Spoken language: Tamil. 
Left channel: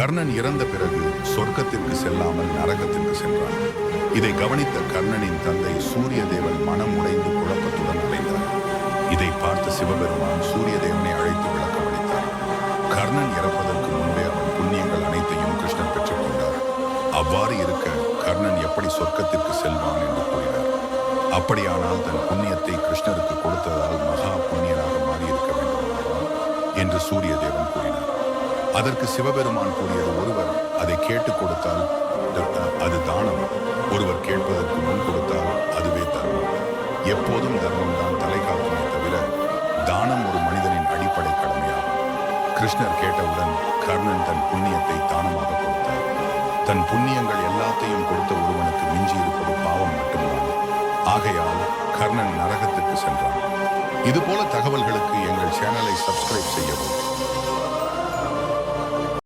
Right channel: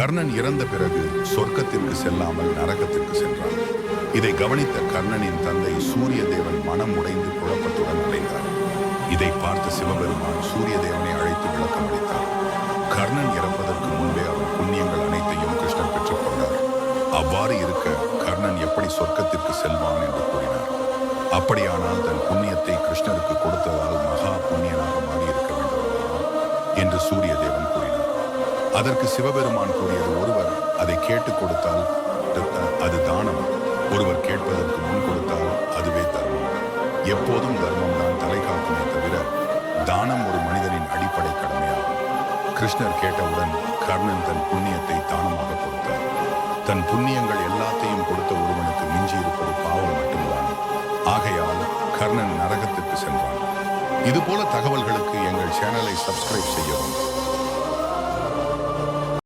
கர்ணன் இறந்த பிறகு சொர்க்கத்திற்கு செல்லாமல் நரகத்திற்கு சென்றான். இதை கவனித்த கர்ணனின் தந்தை சூரிய தேவன் மனம் உடைந்து குழப்பத்துடன் அலைந்தார். இதை பார்த்த சிவபெருமான் சூரிய தேவனை அழைத்து விளக்கம் அளித்தார். கர்ணன் இறப்பதற்கு முன்பே அவன் புண்ணியங்கள் அனைத்தையும் கிருஷ்ணன் பெற்றுக்கொண்டார். அவ்வாறு இருக்க கர்ணன் எப்படி சொர்க்கத்திற்கு செல்வான் என்று கூறினார். அப்படியானால் தன் புண்ணியத்தை கிருஷ்ணருக்கு கொடுத்ததால் மகா புண்ணியனாக மாறியிருக்க வேண்டும் என்று சூரிய தேவன் கூறினார். அதற்கு சிவபெருமான் கூறியது, ஒருவர் அதை கேட்டு கொடுத்தால் அது தானம், ஒருவர் கேட்பதற்கு முன் கொடுத்தால் அதுவே தர்மம். எப்போதும் தர்மம் தான் தலை காக்குமே தவிர தானம் ஒரு மனிதனின் அடிப்படை கடமையாகும். கிருஷ்ணர் கேட்டவுடன் கர்ணன் தன் புண்ணியத்தை தானமாக கொடுத்தார். தன் புண்ணியங்கள் எல்லாத்தையும் கொடுத்த ஒருவனுக்கு மிஞ்சி இருப்பது பாவம் மட்டும்தான். ஆகையால் கர்ணன் நரகத்திற்கு சென்றான். இதுபோல தகவல்களுக்கு எங்கள் சேனலை சப்ஸ்கிரைப் செய்யவும்.